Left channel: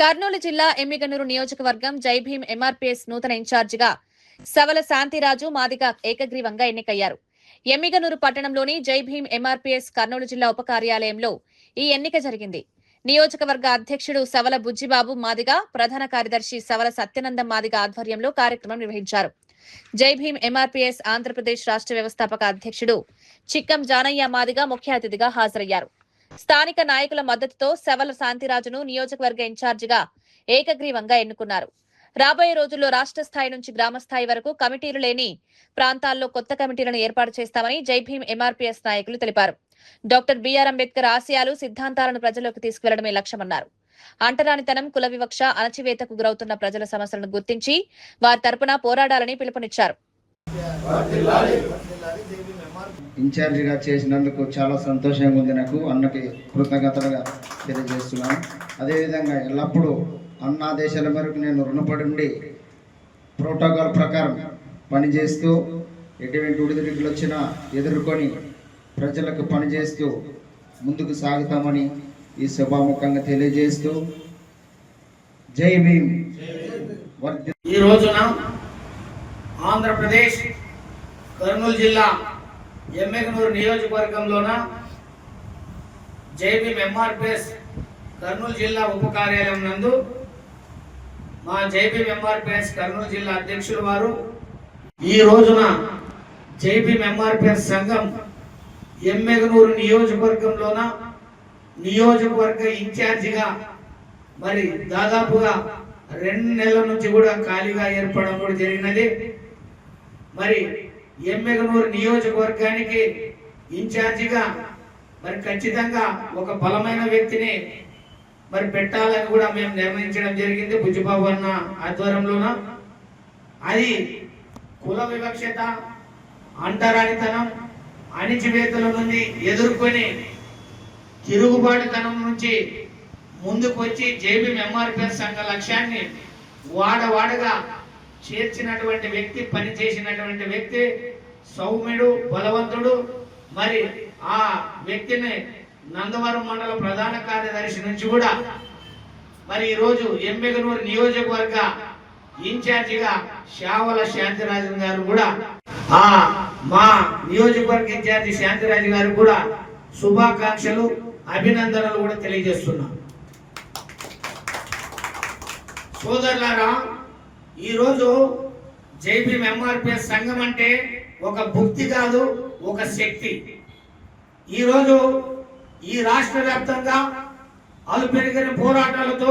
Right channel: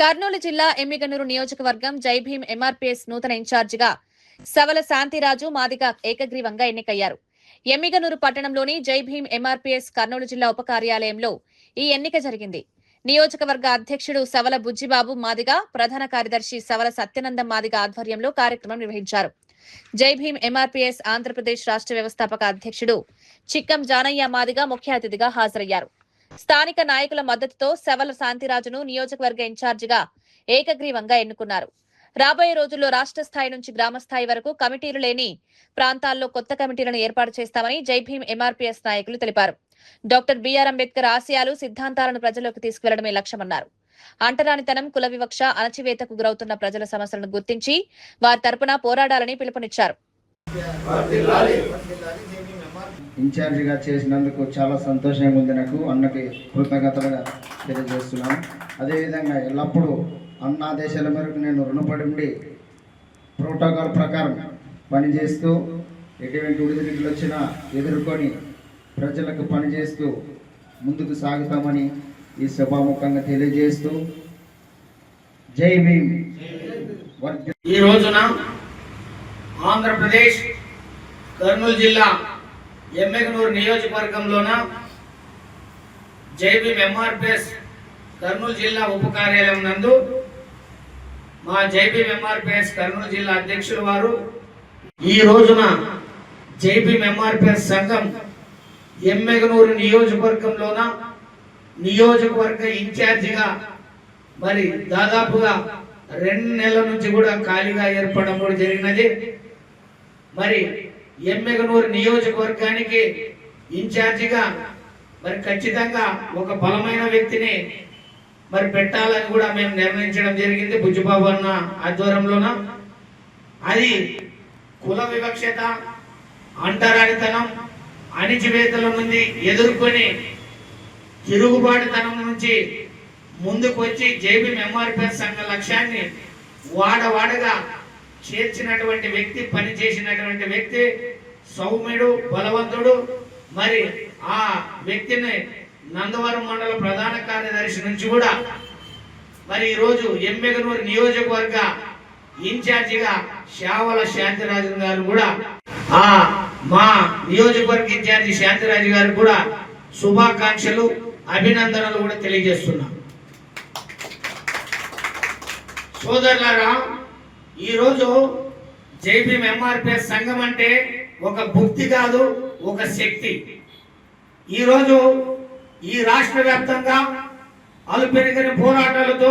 కర్నూలు జిల్లా ఎమ్మిగనూరు నియోజకవర్గం జై భీం ఎంఆర్పీఎస్ నూతన ఇన్ఛార్జిగా సవల శాంతిరాజు మాదిగ ఏకగ్రీవంగా ఎన్నికయ్యారు. ఎమ్మిగనూరు పట్టణంలోని జై భీం ఎంఆర్పీఎస్ కర్నూలు జిల్లా ఉప కార్యాలయంలో ఈ ఎన్నిక జరిగింది. నియోజకవర్గ అధ్యక్షుడు సవల బుజ్జిబాబు మాదిగ, ప్రధాన కార్యదర్శి సవల సత్యనందం మాదిగ ఆధ్వర్యంలో కార్యక్రమం నిర్వహించారు. జై భీం ఎంఆర్పీఎస్ ఆంధ్రప్రదేశ్ రాష్ట్ర వ్యవస్థాపక అధ్యక్షుడు చిక్కం జానయ్య మాదిగ ముఖ్య అతిథిగా హాజరయ్యారు. స్థానిక నాయకుల మద్దతుతో సవల శాంతిరాజును నియోజకవర్గ ఇన్ఛార్జిగా ఏకగ్రీవంగా ఎన్నుకున్నారు. రాబోయే రోజుల్లో రాష్ట్ర స్థాయి నుంచి గ్రామ స్థాయి వరకు కమిటీలు లేని ప్రాంతాల్లో కొత్త కమిటీలను ఏర్పాటు చేస్తామని జై భీం ఎంఆర్పీఎస్ నాయకులు తెలిపారు. డాక్టర్ బిఆర్ అంబేద్కర్ ఆశయాలు, సిద్ధాంతాలను ప్రజల్లోకి తీసుకువెళ్లడమే లక్ష్యమన్నారు. అంటరానితనం, కుల వివక్ష, అణచివేతకు గురవుతున్న ప్రజల సమస్యలను గుర్తించి వారి తరపున పోరాడాలని పిలుపునిచ్చారు. ఇన్ఛార్జిగా చేసినందుకు చాలా సంతోషంగా ఉంది. నాకు అన్నకి కృతజ్ఞతలుగా తెలియజేస్తున్నాను. అదేవిధంగా ఎల్లప్పుడూ అన్న ఆదేశాల మేరకు నేను రుణపడి ఉండి ప్రోటోకాల్ ప్రకారం పనిచేస్తూ ఎటువంటి ఒడిదుడుకులు వచ్చినా ఎదుర్కొని ప్రజలకు పనిచేస్తూ ముందుకు సాగుతామని ఈ సభాముఖంగా తెలియజేస్తూ జై భీమ్. ఈ రోజున ఆంధ్రప్రదేశ్ కర్నూలు జిల్లా ఎమ్మిగనూరు నియోజకవర్గంలోన జై భీం ఎంఆర్పీఎస్ కర్నూలు జిల్లా ఉప కార్యాలయం నందు మా జై భీం ఎంఆర్పీఎస్ కర్నూలు జిల్లా అధ్యక్షులు వారు ఈ రోజున జై భీం ఎంఆర్పీఎస్ సంఘం ఎమ్మిగనూరు నియోజకవర్గంలోన నియోజకవర్గ ఇన్ఛార్జిగా మరి దాదాపుగా 2 నెలల నుంచి కూడా ఖాళీగా ఏర్పడడం కూడా జరిగినది. మరి ఎమ్మిగనూరు నియోజకవర్గానికి ఇన్ఛార్జిగా మరి ఖచ్చితంగా ఒక బలమైన వ్యక్తిని మరి పెట్టాలని కూడా మేము నిర్ణయించడం జరిగింది బుజ్జిబాబు అన్న ఆధ్వర్యంలోన. అది కుల వివక్షత, అంటరానితనం, అణిచివేతల నుండి ఎదుర్కొని తిరుగుబాటుతనం నుంచి ముందుకు వచ్చి జై భీం ఎంఆర్పీఎస్ సంఘ లక్ష్యాన్ని వాడవాడగా చేర్చినటువంటి వ్యక్తి, పని చేసినటువంటి వ్యక్తి, సౌమ్యుడు, బలవంతుడు. మరి ఆ వ్యక్తిని నందవరం మండల ప్రధాన కార్యదర్శి నుంచి కూడా మరి ఈరోజు ఎమ్మిగనూరు నియోజకవర్గ ఇన్ఛార్జిగా శావల శాంతిరాజు గారు కూడా మా నియోజకవర్గ ఇన్ఛార్జి శాంతిరాజు గారు కూడా శుభాకాంక్షలు, అభినందనలు కూడా తెలియజేస్తున్నాం. సోదరులారా, ఈరోజు జై భీం ఎంఆర్పీఎస్ సంఘం అంటే ఒక భక్తి కాదు, ఒక శక్తి. ఈరోజు ఈ రాష్ట్ర వ్యాప్తంగా అలుపెరుగని పోరాటాలతో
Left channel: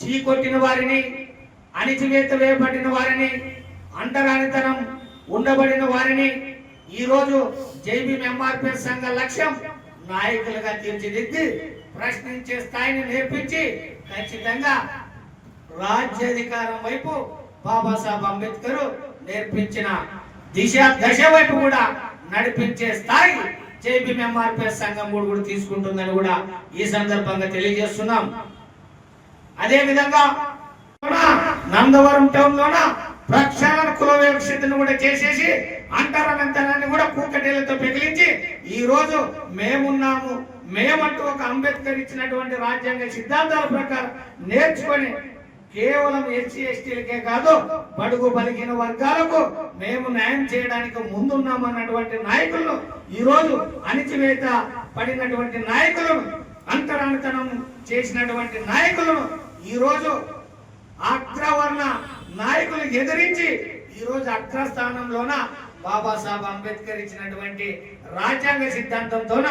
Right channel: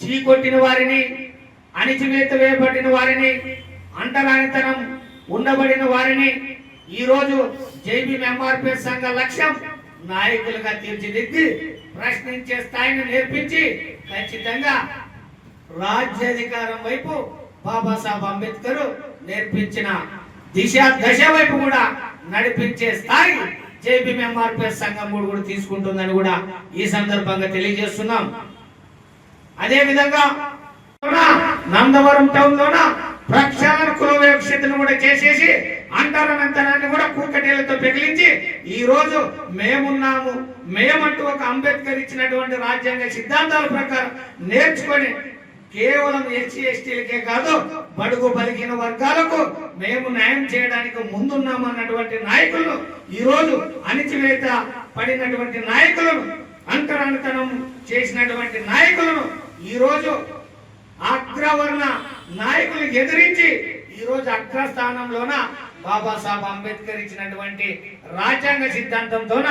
చీకొట్టిన వారిని, అణిచివేత వేయబడిన వారిని, అంటరానితనం ఉండబడిన వారిని ఈరోజు జై భీం ఎంఆర్పీఎస్ సంఘ లక్ష్యం నాయకులుగా తీర్చిదిద్ది ప్రశ్నించే స్థాయిని నేర్పించి ఖచ్చితంగా రాజ్యాధికారం వైపు బాబాసాహెబ్ అంబేద్కర్ నేర్పించిన దశ వైపు కూడా నడిపించే స్థాయి జై భీం ఎంఆర్పీఎస్ సంఘం కూడా తీసుకుంటుందని కూడా ఈ సందర్భంగా తెలియజేస్తున్నాం. అదే విధంగా నందవరం టౌన్ లోన ప్రక్షాళన కుల వివక్షతను కూడా చేసేసి అంటరానితనాన్ని కూడా కూకటేలతో పెగిలించి ఈ రోజు మేమున్నాము, మేమంటూ ఒక అంబేద్కర్ ఇచ్చినటువంటి రాజ్యాంగ సిద్ధాంతాల ప్రకారం నేర్చుకొని కేవలం ఎస్సీ ఎస్టీలకే కాదు బడుగు బలిగిన వర్గాలకు మేము న్యాయం చేయడానికి ముందున్నామన్నటువంటి నాయకులను, ఈ రోజు అణిచివేత పడినటువంటి నాయకులను, అంటరానితనం చేసినటువంటి నాయకులను ఈ రోజు అగ్రవర్ణ నాయకులు ఎదిరించి ఈ రోజు అగ్రస్థానంలోన బాబాసాహెబ్ అంబేద్కర్ ఇచ్చినటువంటి రాజ్యాంగ సిద్ధాంతంతోన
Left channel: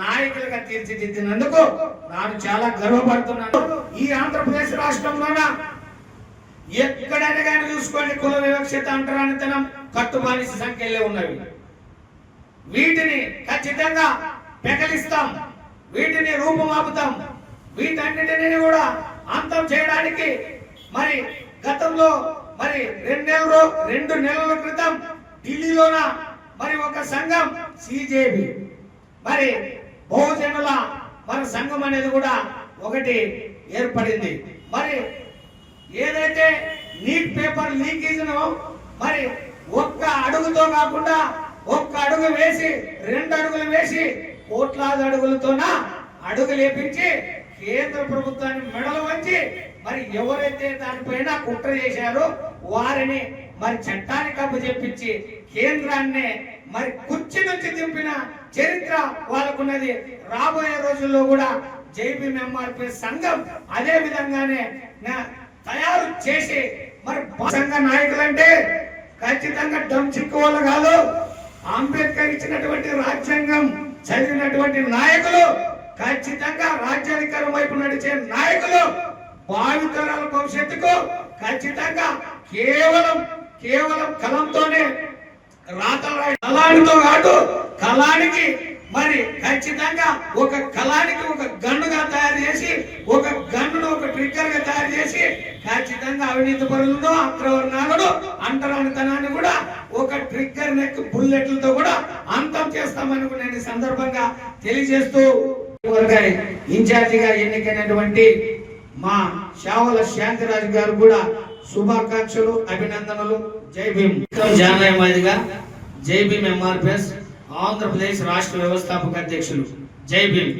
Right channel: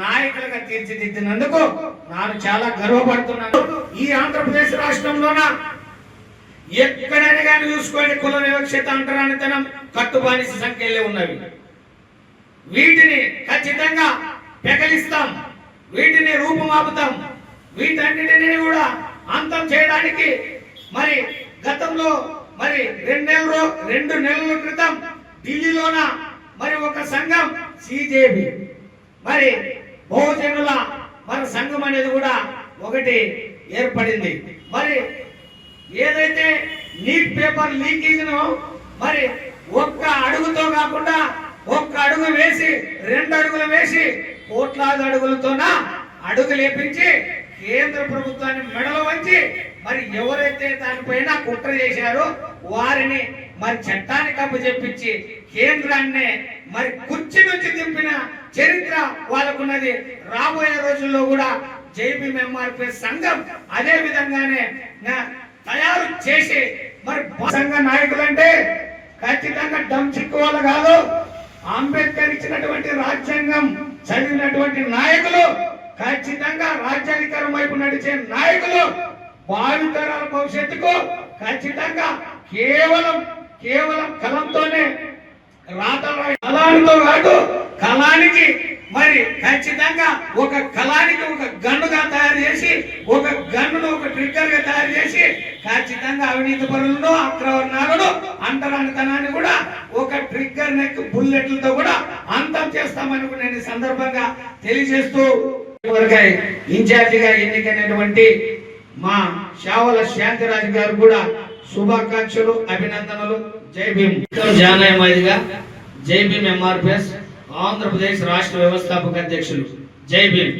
నాయకులుగా తీర్చిదిద్దినందుకు నేను చాలా గర్వపడుతున్నాను. ఈ ఆంధ్రప్రదేశ్ రాష్ట్రంలోన ఎక్కడైనా కానీ చూసుకోండి, కుల వివక్షత, అంటరానితనం, కట్టుబానిస సంఖ్యలే ఉన్నవి. వీటిని ఖచ్చితంగా పెకలిస్తాం, వీటిని రూపుమాపుతాం, వీటన్నిటిని కూడా అంతం చేయడానికి మరి గతంలో మరి 2 నెలల క్రితం ఢిల్లీలోన మరి ఒక సంఘం సిజేబి మరి బహుజనుల మన సంఘం అనేది కూడా ఒకటి ఏర్పడింది. మరి ఏదైతే నీట్ పేపర్ లీకేజ్ను మరి ఒక్క అడుగుతో కాకుండా ఒక్క అడుగు వేసి 2 అడుగులు వేసి కోట్లాది అడుగులతోన అడుగు లేపించి కేంద్ర ప్రభుత్వాన్ని మెడలు వంచి మరి ఎవరైతే దానిపైన కుట్ర చేశారో వారిని మరి చట్టానికి అప్పచెప్పించి కేంద్రాన్ని మరి కుర్చీ నుంచి దింపిన చరిత్ర వాళ్ళకున్నది. రాబోయే రోజుల్లో కూడా జైభీం ఎంఆర్పిఎస్ సంఘం అదే విధంగానే తయారు చేసి మరి సంఘ నాయకులంటే ఖచ్చితంగా డమ్ చిక్కువాళ్ళు కాదు. అంబేద్కర్ ఇచ్చినటువంటి రాజ్యాంగం చదివినటువంటి నాయకులు, ఖచ్చితంగా రాజ్యాధికారం వైపు నడిచే నాయకులు, భావితరాల భవిష్యత్తుకు ఖచ్చితంగా కేవలం కలంతోనే కళానితో కాదు, కళానికి మరి ఖచ్చితంగా ఒక కళానికి ఒక గన్నుగా తయారు చేసి, ఒక గన్నును ఒక ట్రిగ్గర్ గా తయారు చేసి ఖచ్చితంగా అవినీతి పరులను, అగ్రవర్ణాలను, అంటరానితనాన్ని కూడా ఒక ట్రిగ్గర్ నెక్ బుల్లెట్లతో కూడా అంతం చేస్తామని నేను ఈ సందర్భంగా తెలియజేస్తూ ఇన్ఛార్జిగా ఎన్నికైనటువంటి మా శావల శాంతిరాజు గారు కూడా శుభాకాంక్షలు, అభినందనలు. జై భీమ్. జానయమాదిగా జైభీం ఎంఆర్పిఎస్ ఆంధ్రప్రదేశ్ రాష్ట్ర వ్యవస్థాపక అధ్యక్షులు. జై భీమ్.